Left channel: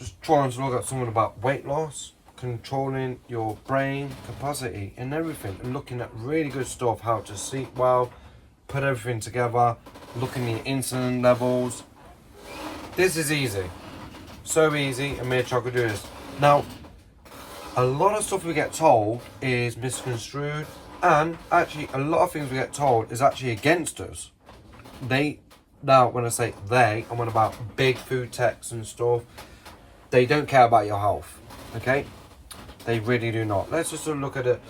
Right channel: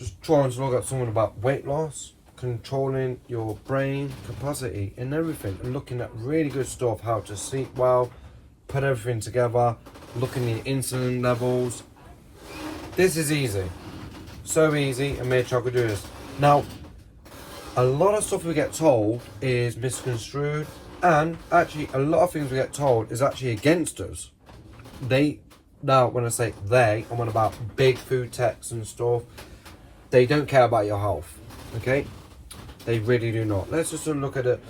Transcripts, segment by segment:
just trying to look at something about weight loss, controlling your brain capacity and everything, and looking at really good stuff, how to sleep well, put everything together, looking at insulin levels. This is easy, so easy, and me try to do this. Now, a lot of stuff we get told is misconstrued, and actually a lot of things we get told is actually against us. Now when I say they, I'm on about big food techs and stuff. They don't care about your health, okay? They really do not. Let's just look at it.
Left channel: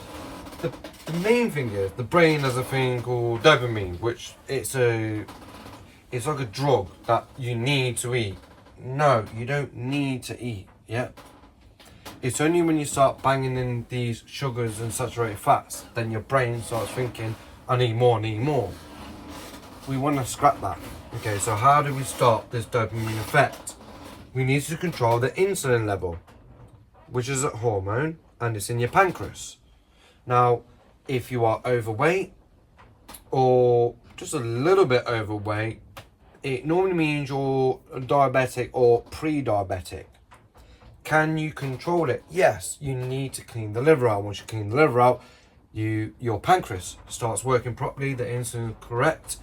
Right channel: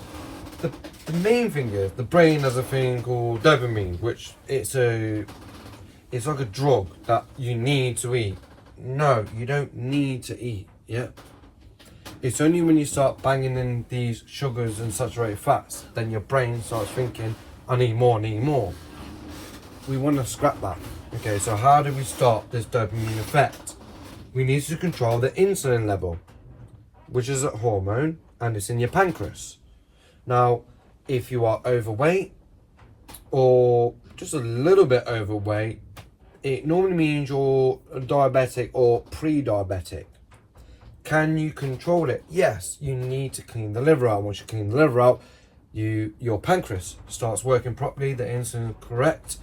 The main thing is the brain has a thing called dopamine, which it's like a drug that you need to eat. No, you don't need to eat, yeah? It's only when you start banging in these sugars and saturated fats, then your brain starts thinking, I need more, We want to scrap that. Okay, so how do we stop this dopamine effect? We need to control the insulin level, which is a hormone, and it's in your pancreas. Now, if you are overweight or just a little bit overweight, it normally means you're diabetic or pre-diabetic. Can you control it? Yes, you need to clean the liver out. Once you clean the liver out, your pancreas starts working properly, the insulin is correct,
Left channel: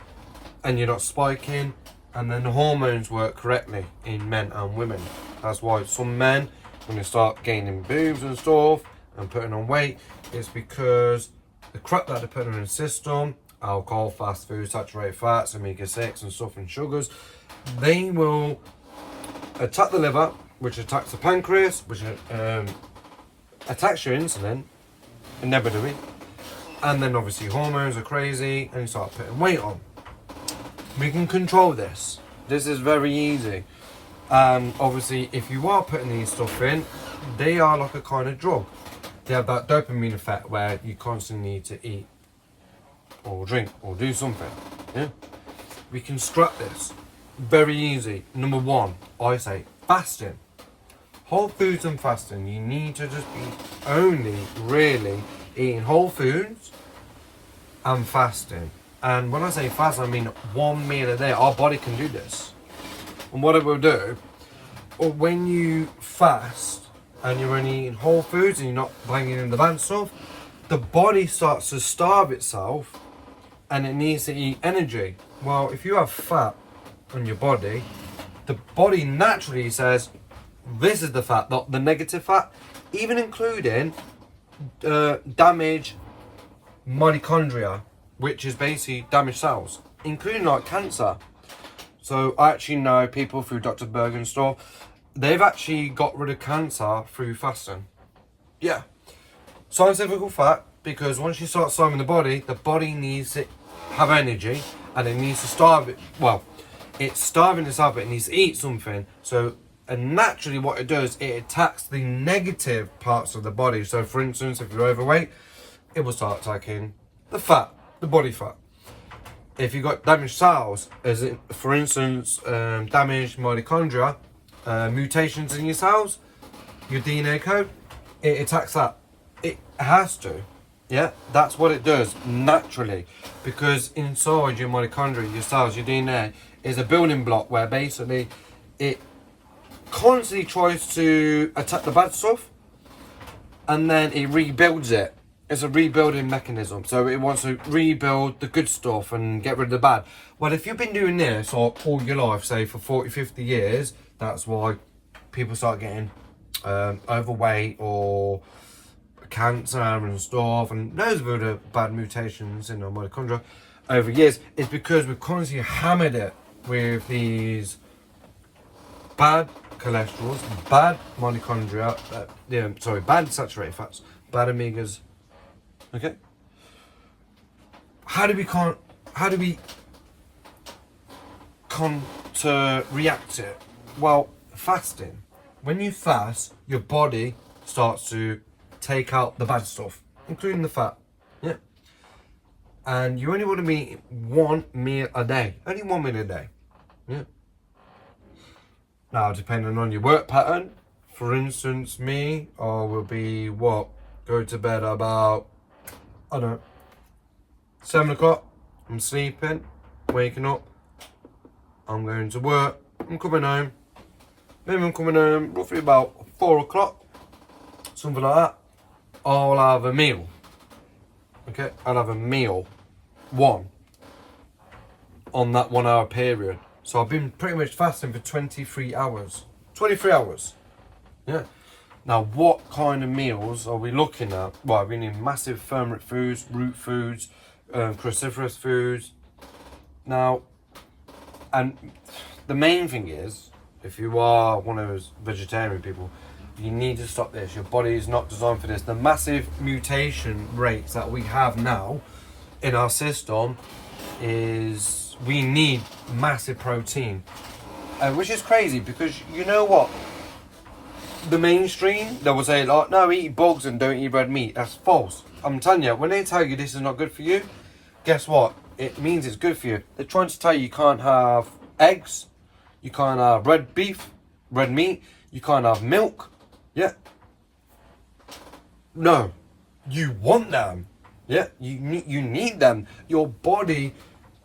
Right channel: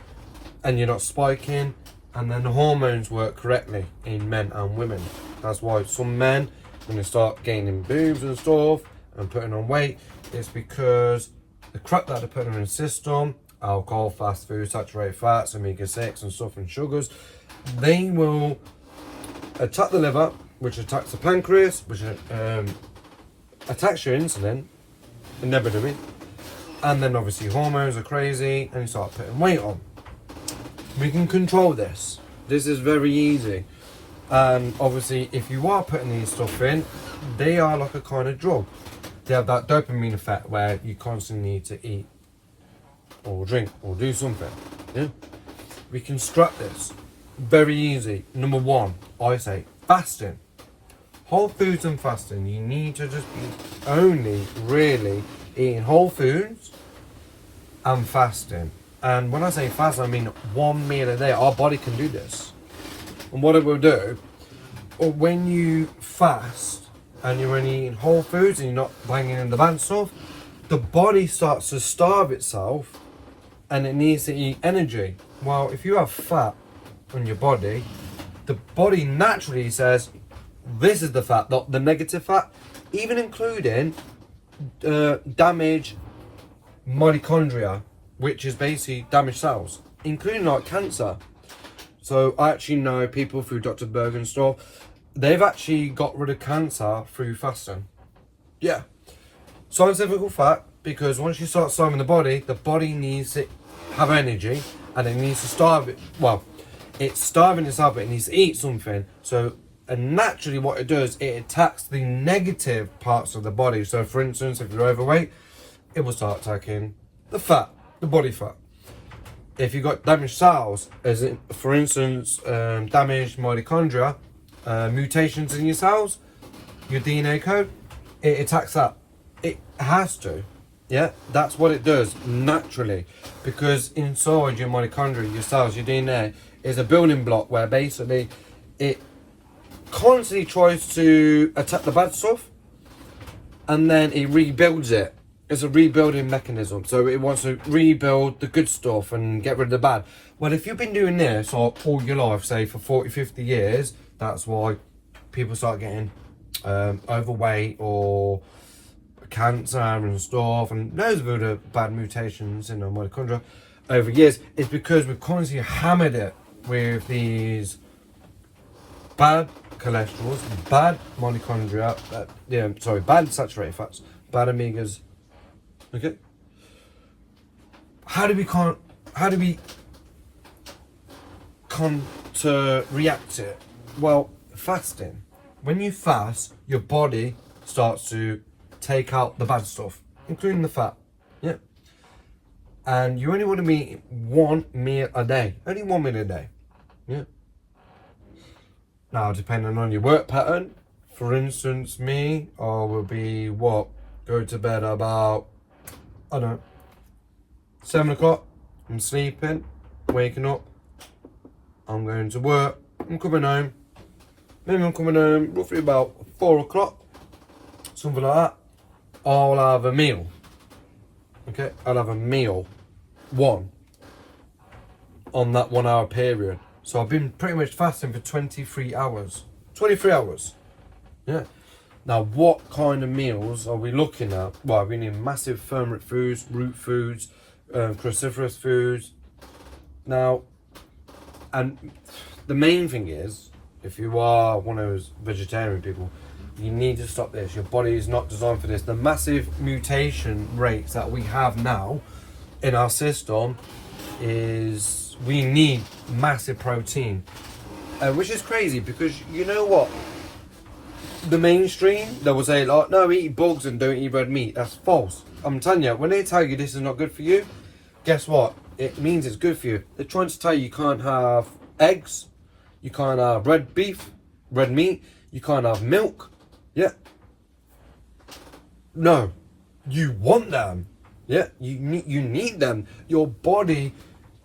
and you're not spiking, and then the hormones work correctly in men and women. That's why some men, when they start gaining boobs and stuff and putting on weight, it's because the crap that they're putting in the system, alcohol, fast food, saturated fats, omega-6 and stuff, and sugars, they will attack the liver, which attacks the pancreas, which attacks your insulin, inevitably. And then obviously hormones are crazy and you start putting weight on. We can control this. This is very easy. And obviously if you are putting these stuff in, they are like a kind of drug. They have that dopamine effect where you constantly need to eat or drink or do something. Yeah? We can scrap this. Very easy. Number one, I say fasting. Whole foods and fasting. You need to just be only really eating whole foods and fasting. And when I say fast, I mean 1 meal a day. Our body can do this. And what it will do, or when you fast and you're only eating whole foods and you're not banging in the bad stuff, the body starts to starve itself and it needs to eat energy. Well, if you have fat on your body, the body naturally says, this is the fat, not the negative fat, even including damaged mitochondria, which is basically damaged cells, including like cancer. So I actually know people through Dr. Berg and stuff, they've actually got rid of cancer through fasting. Yeah, scientific fact, because once you start starving the body needs to have energy and it needs to starve it. Well, it's starving itself, but it needs to eat something. So, and naturally what it does, it attacks the negative parts of the body. So for instance, if you're overweight, it will start attacking the fat, the body fat. If you've got damaged cells, as in, for instance, damaged mitochondria, mutations in your cells, your DNA code, it attacks that. It has to. Yeah, that's what it does naturally, because inside your mitochondria, your cells, your DNA is a building block where basically it constantly tries to attack the bad stuff and then it rebuilds it. It's a rebuilding mechanism, so it wants to rebuild the good stuff and get rid of the bad. Well, if you've been doing this all your life, say for 40, 50 years, that's why people start getting overweight or cancer and stuff, and loads of other bad mutations in the mitochondria over years. It's because we've constantly hammered it with these bad cholesterols, bad mitochondria, bad saturated fats, bad omegas. Okay. How do we come to react to it? Well, fasting. When you fast, your body starts to take out the bad stuff, including the fat. Yeah. And you only want to eat 1 meal a day. Only 1 meal a day. Yeah. Now, depending on your work pattern, for instance, me, I will be go to bed about, I don't know, 7 o'clock. I'm sleeping, waking up, I'm going to work, I'm coming home, Maybe I'm coming home roughly about 4 o'clock, something like that. I'll have a meal. Okay, I'll have a meal, one, on that 1 hour period. So I've been pretty much fasting for 23 hours. 23 hours. Yeah. Now, what kind of meals are we looking at? Well, we need massive ferment foods, root foods, cruciferous foods. Now, and the main thing is, if you are one of those vegetarian people, you need to stop this. Your body is not designed for this. The massive mutation rates that we have now in our system is we need massive protein, which is crazy because you know what? The mainstream, they will say, like, no, eat bugs and don't eat red meat. That's false. I'm telling you, when they tell you this is not good for you, guess what? It means it's good for you. They're trying to tell you can't have eggs, you can't have red beef, red meat, you can't have milk. Yeah. No, you want them. Yeah, you need them. Your body,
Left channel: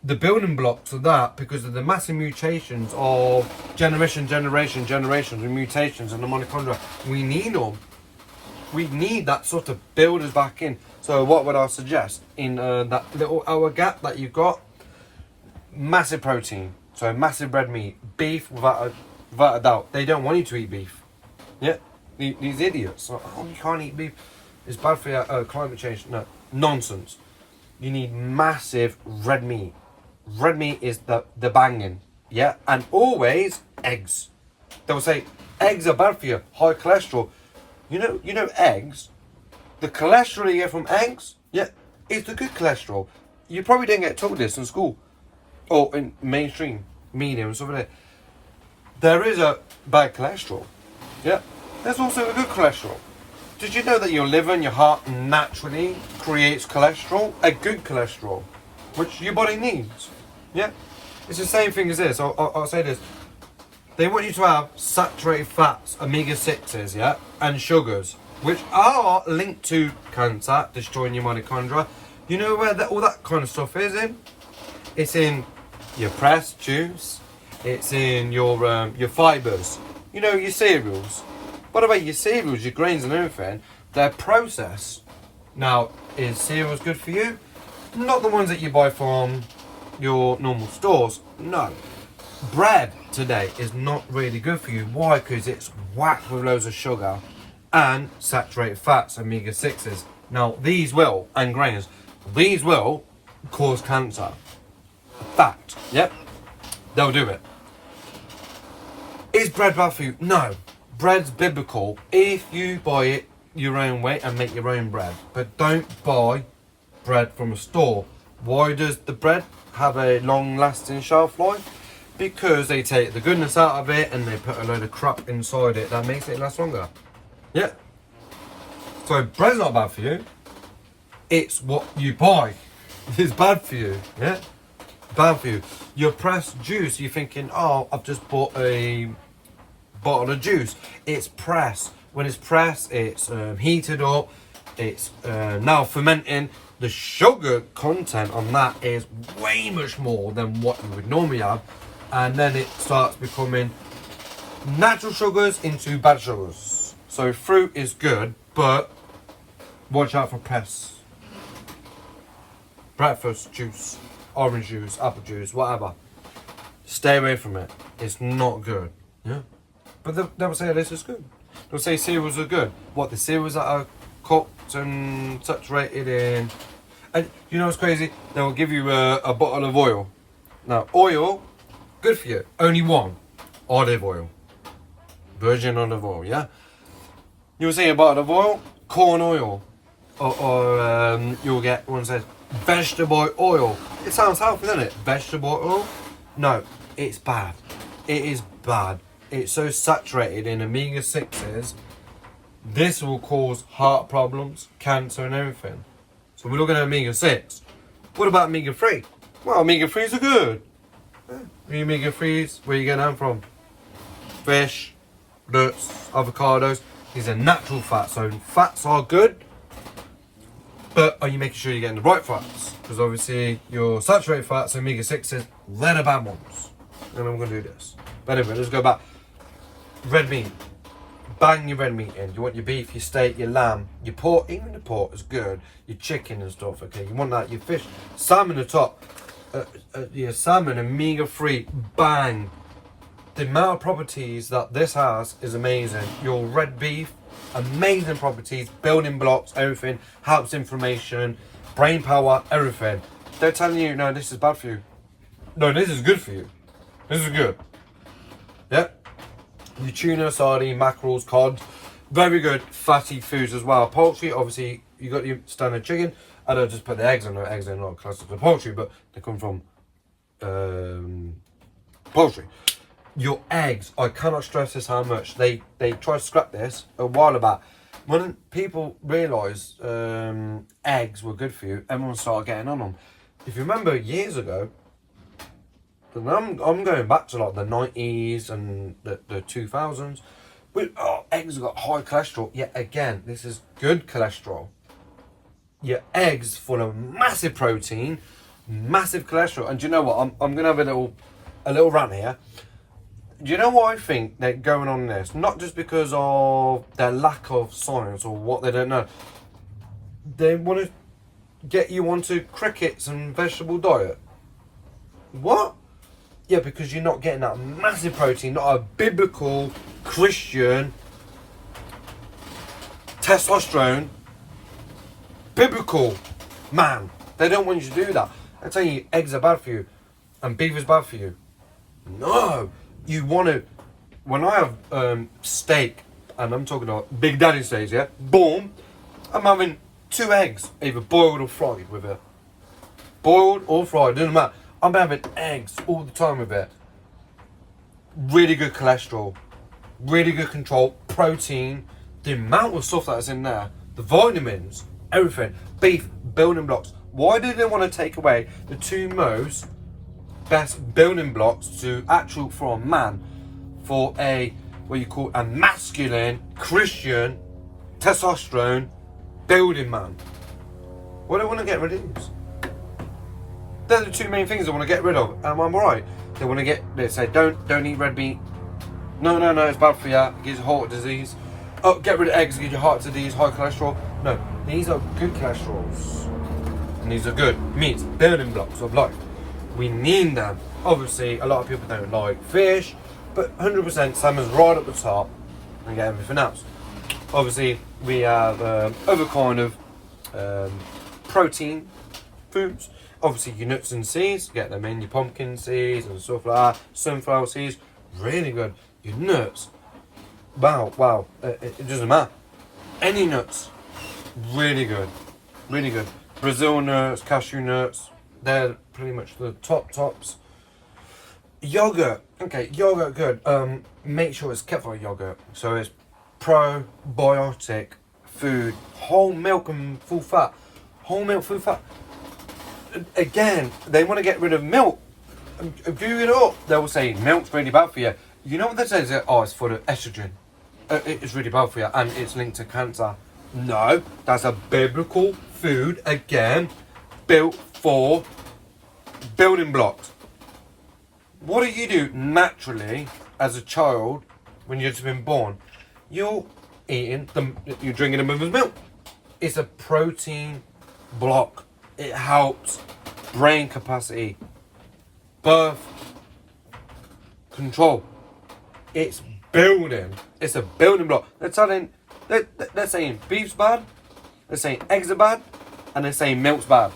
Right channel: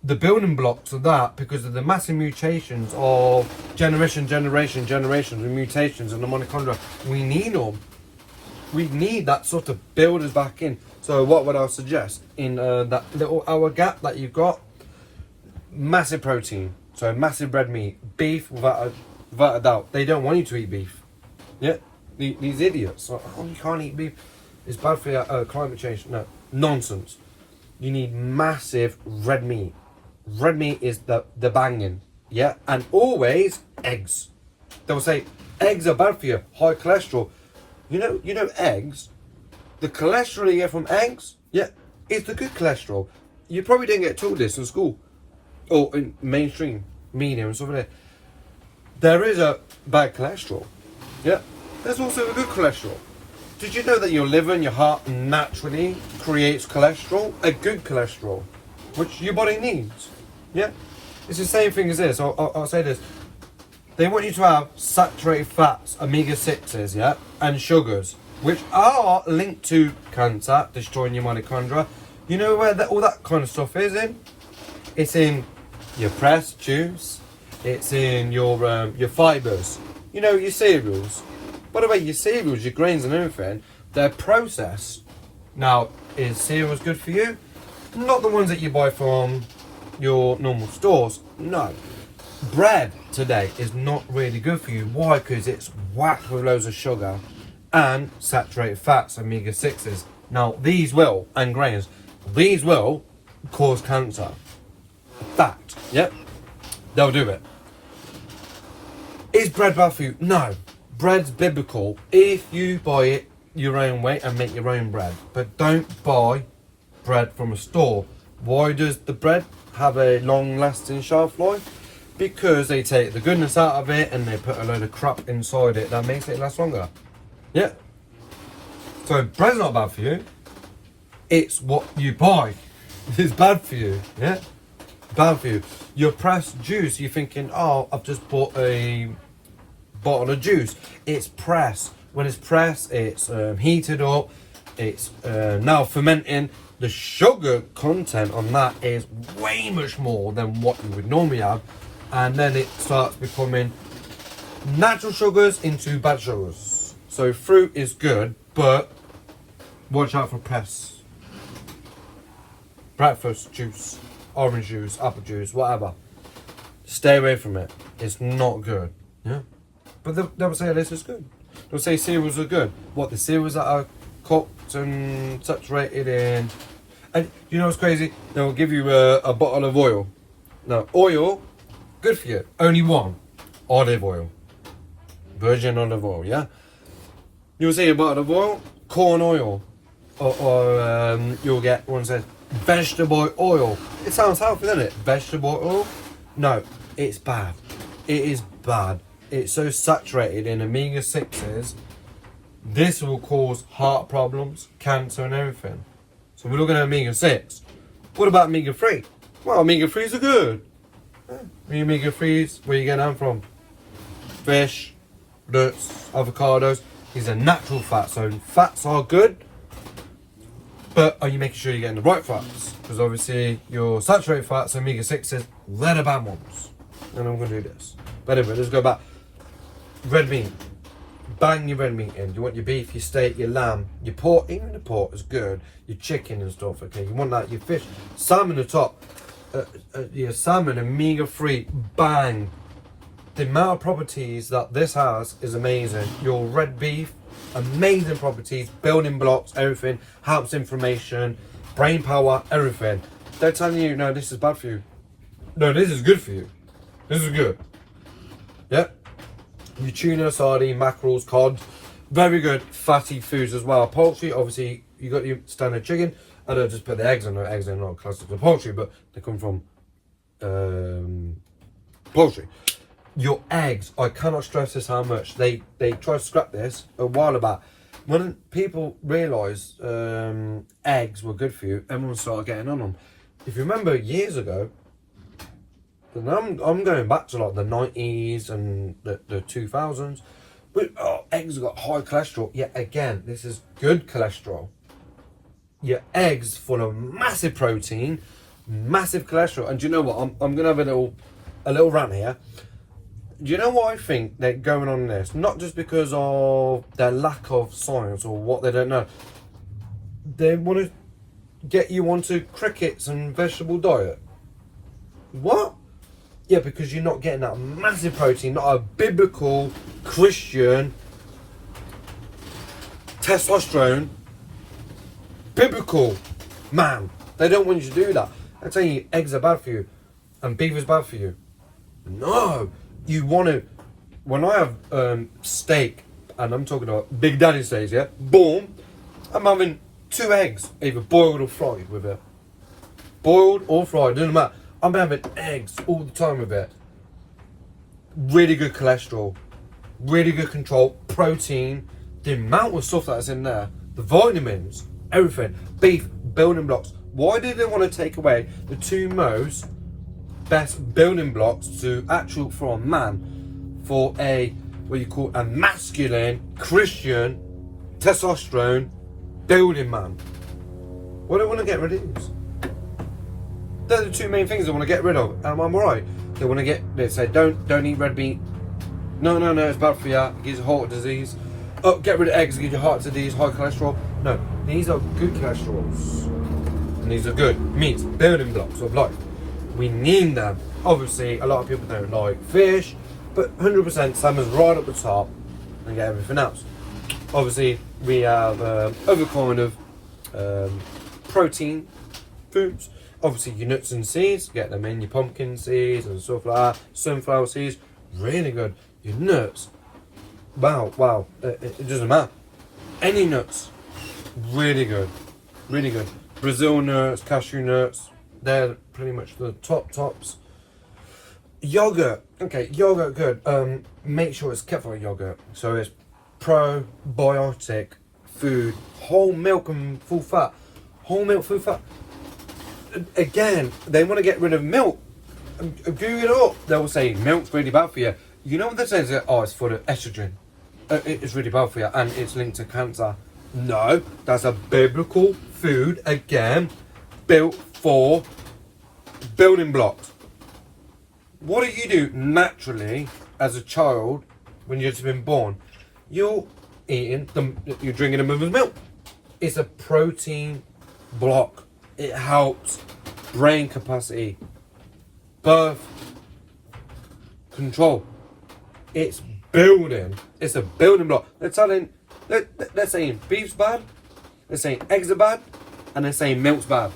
the building blocks of that, because of the massive mutations of generations with mutations in the mitochondria, we need them. We need that sort of builders back in. So what would I suggest? In that little hour gap that you've got, massive protein. So massive red meat, beef without a doubt. They don't want you to eat beef. Yeah, these idiots. Oh, you can't eat beef. It's bad for your climate change. No, nonsense. You need massive red meat. Red meat is the banging. Yeah, and always eggs. They'll say eggs are bad for you, high cholesterol. You know eggs. The cholesterol you get from eggs, yeah, it's the good cholesterol. You probably didn't get told this in school or in mainstream media and stuff like that. There is a bad cholesterol. Yeah, there's also a good cholesterol. Did you know that your liver and your heart naturally creates cholesterol, a good cholesterol, which your body needs? Yeah, it's the same thing as this. I'll say this. They want you to have saturated fats, omega-6s, yeah, and sugars, which are linked to cancer, destroying your mitochondria. You know where all that kind of stuff is in? It's in your pressed juice. It's in your fibres. You know, your cereals. By the way, your cereals, your grains and everything, they're processed. Now, is cereals good for you? Not the ones that you buy from your normal stores. No. Bread today is not really good for you. Why? Because it's whacked with loads of sugar and saturated fats, omega-6s. Now, these will, and grains, these will cause cancer. Fact. Yep. They'll do it. Is bread bad for you? No. Bread's biblical if you buy it your own way and make your own bread. But don't buy bread from a store. Why does the bread have a long-lasting shelf life? Because they take the goodness out of it and they put a load of crap inside it that makes it last longer. Yeah. So bread's not bad for you. It's what you buy. It's bad for you. Yeah. Bad for you. Your pressed juice, you're thinking, oh, I've just bought a bottle of juice. It's pressed. When it's pressed, it's heated up. It's now fermenting. The sugar content on that is way much more than what you would normally have. And then it starts becoming natural sugars into bad sugars. So fruit is good, but watch out for press. Breakfast juice, orange juice, apple juice, whatever. Stay away from it. It's not good. Yeah. But they'll say this is good. They'll say cereals are good. What, the cereals that are cooked and saturated in. And you know what's crazy? They will give you a bottle of oil. Now, oil, good for you. Only one. Olive oil. Virgin olive oil, yeah? You'll see a bottle of oil, corn oil. Or you'll get one that says vegetable oil. It sounds healthy, doesn't it? Vegetable oil? No, it's bad. It is bad. It's so saturated in omega-6s. This will cause heart problems, cancer and everything. So we're looking at omega-6. What about omega-3? Well, omega-3s are good. Yeah. The omega-3s, where you get them from? Fish, nuts, avocados. These are natural fats. So fats are good. But are you making sure you're getting the right fats? Because obviously your saturated fats, omega-6s, they're the bad ones. And I'm going to do this. But anyway, let's go back. red meat. Bang your red meat in. You want your beef, your steak, your lamb, your pork. Even the pork is good. Your chicken and stuff. Okay, you want that. Your fish, salmon on top. Your salmon omega-3. Bang. The amount of properties that this has is amazing. Your red beef, amazing properties, building blocks, everything. Helps inflammation, brain power, everything. They're telling you, no, this is bad for you. No, this is good for you. This is good. Yeah. Your tuna, sardine, mackerels, cod, very good fatty foods as well. Poultry, obviously, you got your standard chicken. I don't just put the eggs on. The eggs are not classed as poultry, but they come from poultry. Your eggs, I cannot stress this how much. They tried to scrap this a while back. When people realised eggs were good for you, everyone started getting on them. If you remember years ago, and I'm going back to like the 90s and the 2000s. But eggs have got high cholesterol. Yet again, this is good cholesterol. Your eggs full of massive protein, massive cholesterol. And do you know what? I'm gonna have a little rant here. Do you know what I think they're going on in this? Not just because of their lack of science or what they don't know. They want to get you onto crickets and vegetable diet. What? Yeah, because you're not getting that massive protein, not a biblical Christian testosterone. Biblical man. They don't want you to do that. I tell you, eggs are bad for you, and beef is bad for you. No, you want to. When I have steak, and I'm talking about Big Daddy steaks, yeah, boom, I'm having 2 eggs, either boiled or fried with it. Boiled or fried, doesn't matter. I'm having eggs all the time with it. Really good cholesterol, really good control, protein, the amount of stuff that's in there, the vitamins, everything. Beef, building blocks. Why did they want to take away the 2 most best building blocks to actual for a man, for a, what you call a masculine, Christian, testosterone, building man? Why do they want to get rid of these? They're the 2 main things they want to get rid of. Am I right? They say don't eat red meat. No, it's bad for you. It gives you heart disease. Oh, get rid of eggs, it gives you heart disease, high cholesterol. No, these are good cholesterols. And these are good meats, building blocks of life. We need them. Obviously, a lot of people don't like fish, but 100% salmon's right at the top and get everything else. Obviously, we have other kind of protein foods. Obviously, your nuts and seeds, get them in, your pumpkin seeds and stuff like that. Sunflower seeds, really good. Your nuts, wow, it doesn't matter. Any nuts, really good. Brazil nuts, cashew nuts, they're pretty much the tops. Yogurt, okay, yogurt good. Make sure it's kefir yogurt, so it's probiotic food, whole milk and full fat. Again, they want to get rid of milk. Do it up. They will say milk's really bad for you. You know what they say? Oh, it's full of estrogen. It's really bad for you, and it's linked to cancer. No, that's a biblical food, again, built for building blocks. What do you do naturally as a child when you've just been born? You're drinking a mother's milk. It's a protein block. It helps brain capacity, birth control. It's building. It's a building block. They're saying beef's bad, they're saying eggs are bad, and they're saying milk's bad.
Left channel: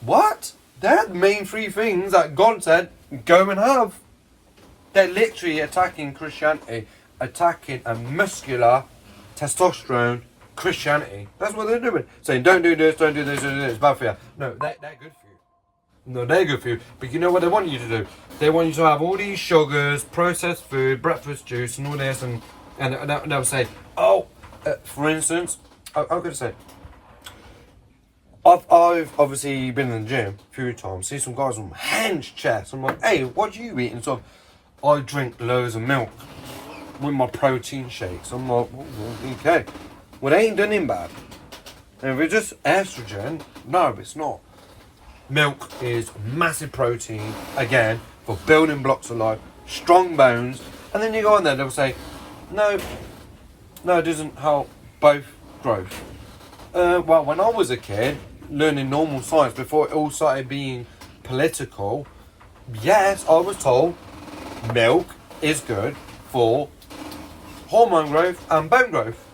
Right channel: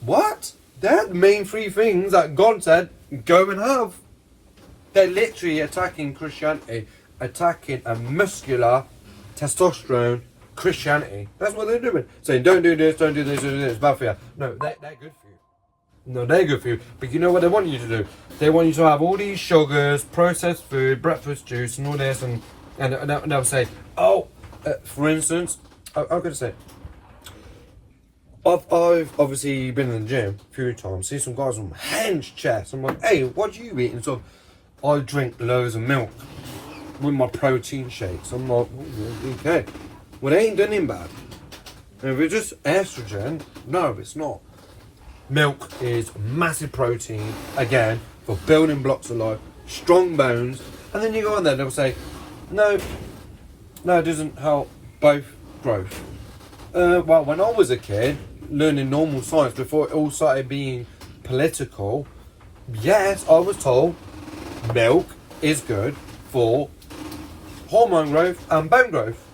What? They're the main 3 things that God said go and have. They're literally attacking Christianity, attacking a muscular testosterone Christianity. That's what they're doing. Saying don't do this, it's bad for you. No, they're good for you. No, they're good for you. But you know what they want you to do? They want you to have all these sugars, processed food, breakfast juice, and all this, and they'll say, for instance, I'm going to say, I've obviously been in the gym a few times, see some guys with hench chest. I'm like, hey, what do you eat? And so I drink loads of milk with my protein shakes. I'm like, okay. Well, they ain't done him bad. And if it's just estrogen, no, it's not. Milk is massive protein, again, for building blocks of life, strong bones, And then you go on there, they'll say, no, it doesn't help both growth. Well, when I was a kid, learning normal science before it all started being political, yes, I was told milk is good for hormone growth and bone growth.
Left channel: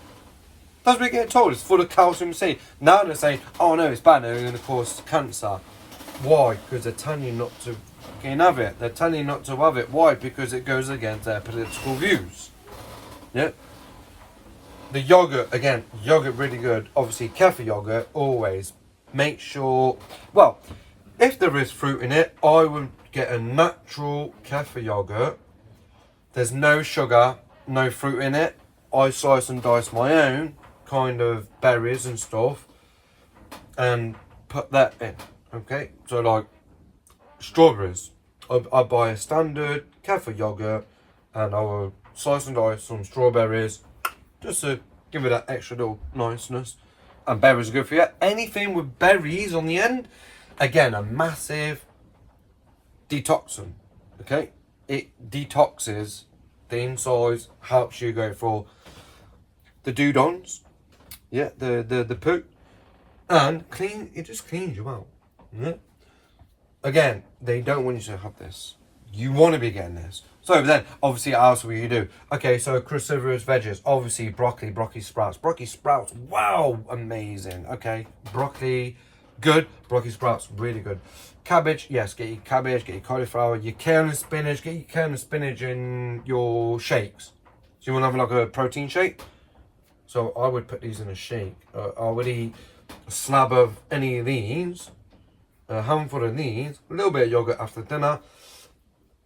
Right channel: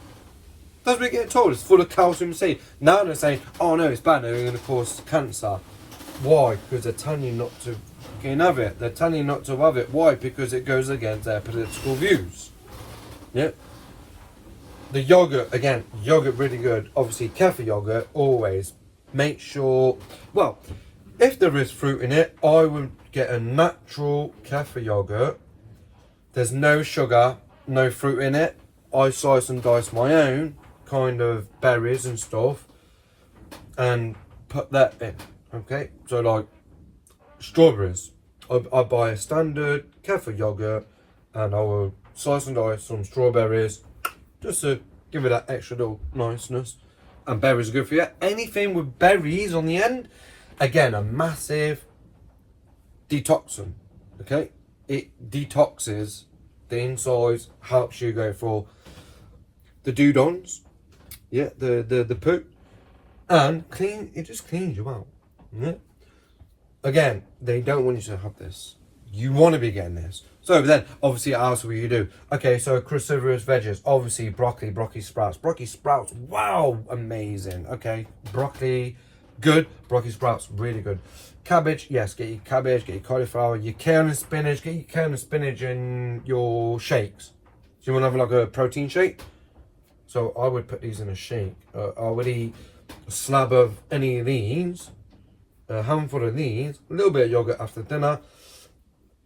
That's what we get told. It's full of calcium C. Now they're saying, oh no, it's bad, it's going to cause cancer. Why? Because they're telling you not to have it. They're telling you not to have it. Why? Because it goes against their political views. Yep. The yogurt, again, yogurt really good. Obviously, kefir yogurt, always. Make sure, well, if there is fruit in it, I would get a natural kefir yogurt. There's no sugar, no fruit in it. I slice and dice my own kind of berries and stuff and put that in. Okay, so like strawberries, I buy a standard kefir yogurt and I will slice and dice some strawberries just to give it that extra little niceness. And berries are good for you. Anything with berries on the end, again, a massive detoxin. Okay, it detoxes the insides, helps you go for the dudons, yeah, the poo, and clean. It just cleans you out. Yeah? Again, they don't want you to have this. You want to be getting this. So then, obviously, what else will you do? Okay, so cruciferous veggies. Obviously, broccoli sprouts. Broccoli sprouts, wow, amazing. Okay, broccoli, good. Broccoli sprouts, really good. Cabbage, yes, get your cabbage, get your cauliflower, your kale and spinach. Get your kale and spinach in your shakes. So you want to have like a protein shake? So I would put these in a shake. I would eat a slab of any of these, a handful of these, a little bit of yogurt after dinner.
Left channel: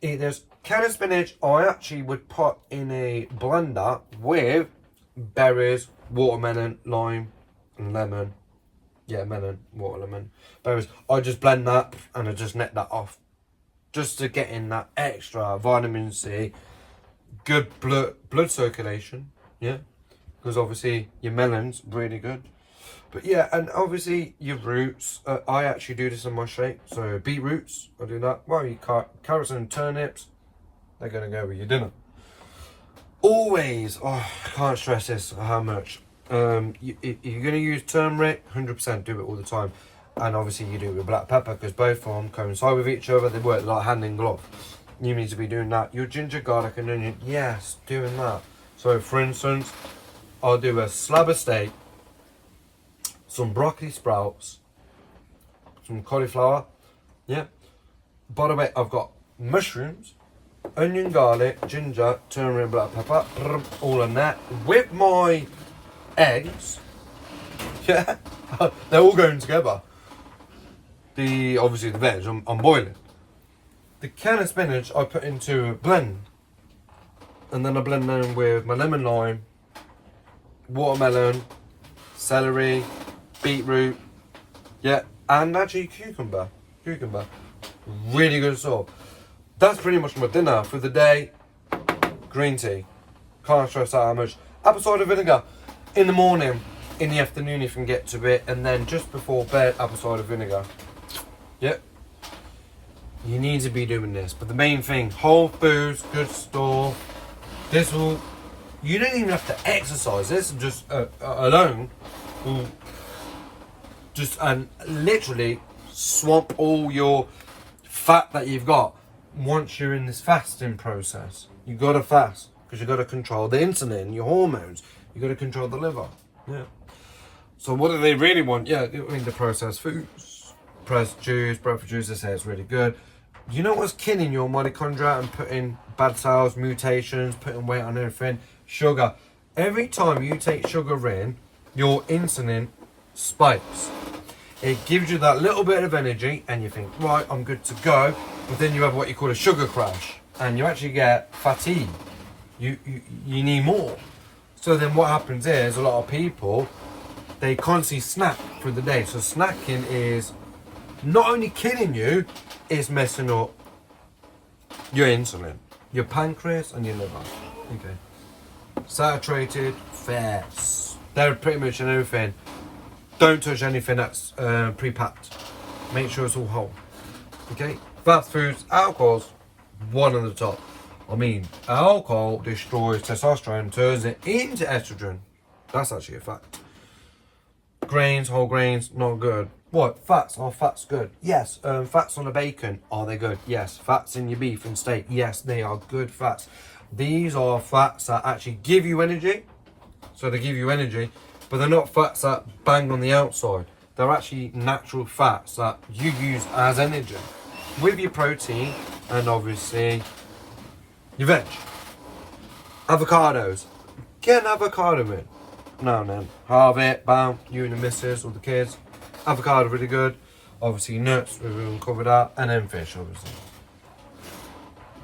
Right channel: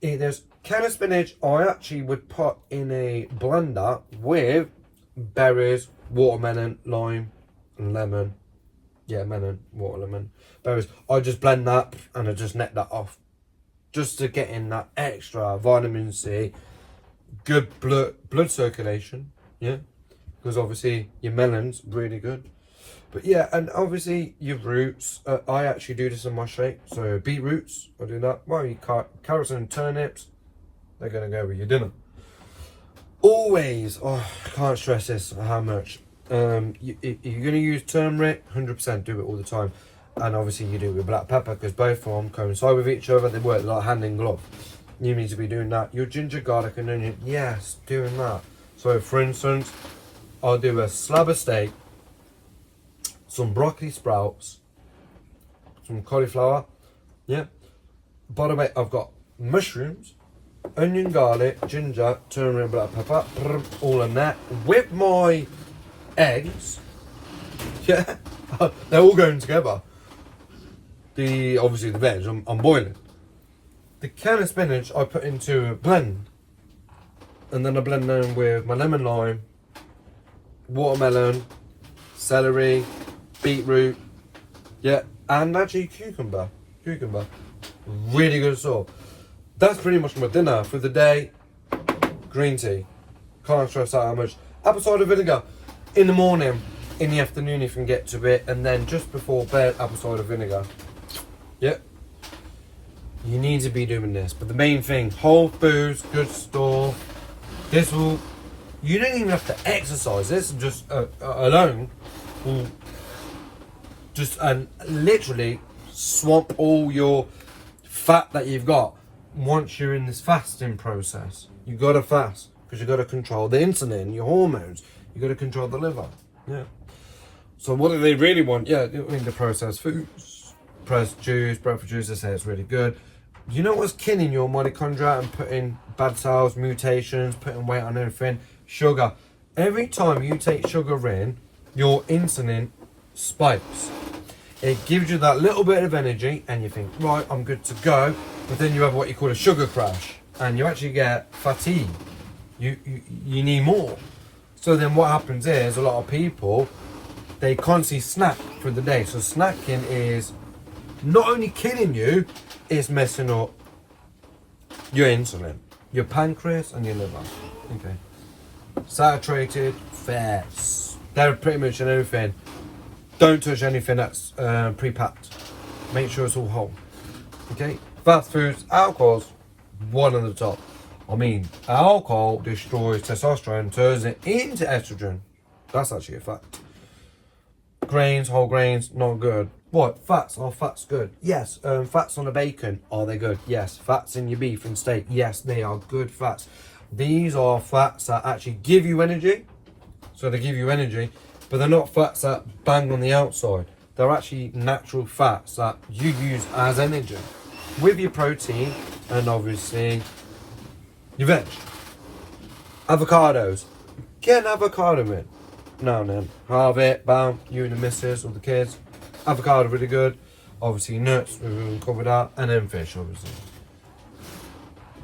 Eat this. Kale and spinach, I actually would put in a blender with berries, watermelon, lime, and lemon. Yeah, melon, watermelon, berries. I just blend that and I just net that off. Just to get in that extra vitamin C, good blood circulation, yeah. Because obviously your melon's really good. But yeah, and obviously your roots. I actually do this in my shake. So beetroots, I do that. Well, you carrots and turnips, they're going to go with your dinner. Always, I can't stress this how much. You're going to use turmeric, 100% do it all the time. And obviously you do it with black pepper because both of them coincide with each other. They work like hand in glove. You need to be doing that. Your ginger, garlic and onion, yes, doing that. So for instance, I'll do a slab of steak, some broccoli sprouts, some cauliflower, yeah. By the way, I've got mushrooms, onion, garlic, ginger, turmeric, black pepper, all in that with my eggs. Yeah, they're all going together. Obviously the veg, I'm boiling. The can of spinach I put into a blend, and then I blend them with my lemon, lime, watermelon, celery, beetroot, yeah, and actually cucumber, really good sauce. That's pretty much my dinner for the day. Green tea, can't stress out how much. Apple cider vinegar in the morning, in the afternoon if you can get to it, and then just before bed, apple cider vinegar. Yep, you need to be doing this. But the main thing, whole foods, good stuff. This will, you don't even have to exercise. This just alone will just and literally swap all your fat that you've got. Once you're in this fasting process, you got to fast because you got to control the insulin, your hormones. You got to control the liver. Yeah. So what do they really want? Yeah, I mean the processed foods, pressed juice, breakfast juice. They say it's really good. You know what's killing your mitochondria and putting bad cells, mutations, putting weight on everything? Sugar. Every time you take sugar in, your insulin spikes. It gives you that little bit of energy and you think, right, I'm good to go. But then you have what you call a sugar crash and you actually get fatigue. You need more. So then what happens is a lot of people, they constantly snack for the day. So snacking is not only killing you, it's messing up your insulin, your pancreas and your liver. Okay. Saturated fats. They're pretty much in everything. Don't touch anything that's pre-packed. Make sure it's all whole. Okay. Fast foods, alcohols, one on the top. I mean, alcohol destroys testosterone, turns it into estrogen. That's actually a fact. Grains, whole grains, not good. What? Fats? Are fats good? Yes. Fats on the bacon, are they good? Yes. Fats in your beef and steak, yes, they are good fats. These are fats that actually give you energy. So they give you energy, but they're not fats that bang on the outside. They're actually natural fats that you use as energy. With your protein and obviously your veg. Avocados. Get an avocado in. No. Halve it, bam, you and the missus or the kids. Avocado really good. Obviously nuts, we've even covered that. And then fish, obviously.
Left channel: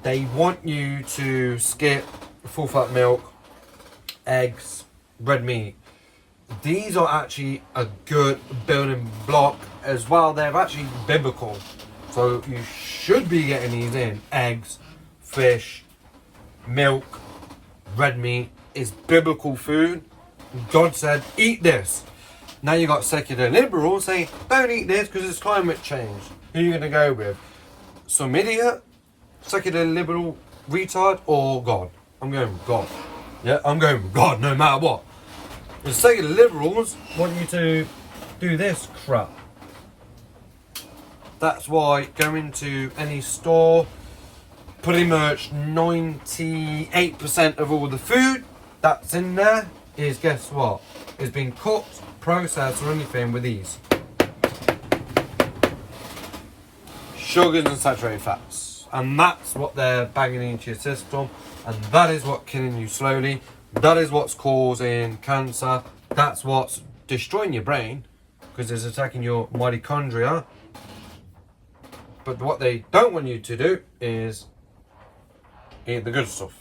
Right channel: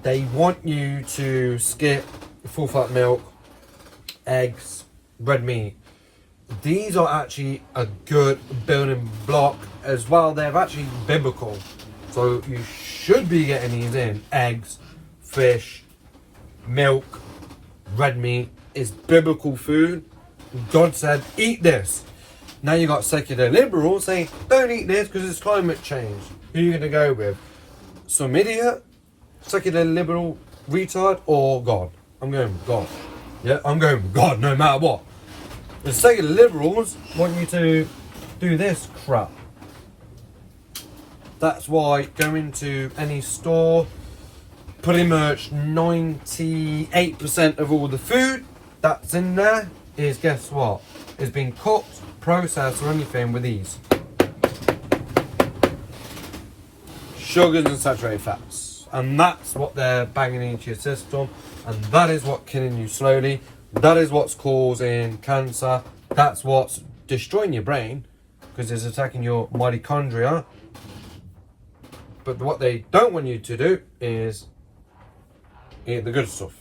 They want you to skip full fat milk, eggs, red meat. These are actually a good building block as well. They're actually biblical. So you should be getting these in. Eggs, fish, milk, red meat is biblical food. God said, eat this. Now you got secular liberals saying, don't eat this because it's climate change. Who are you going to go with? Some idiot, secular liberal retard, or God? I'm going with God. Yeah, I'm going with God no matter what. The secular liberals want you to do this crap. That's why going to any store, pretty much 98% of all the food that's in there is, guess what? It's been cooked, processed or anything with these. Sugars and saturated fats. And that's what they're banging into your system. And that is what's killing you slowly. That is what's causing cancer. That's what's destroying your brain because it's attacking your mitochondria. But what they don't want you to do is eat the good stuff.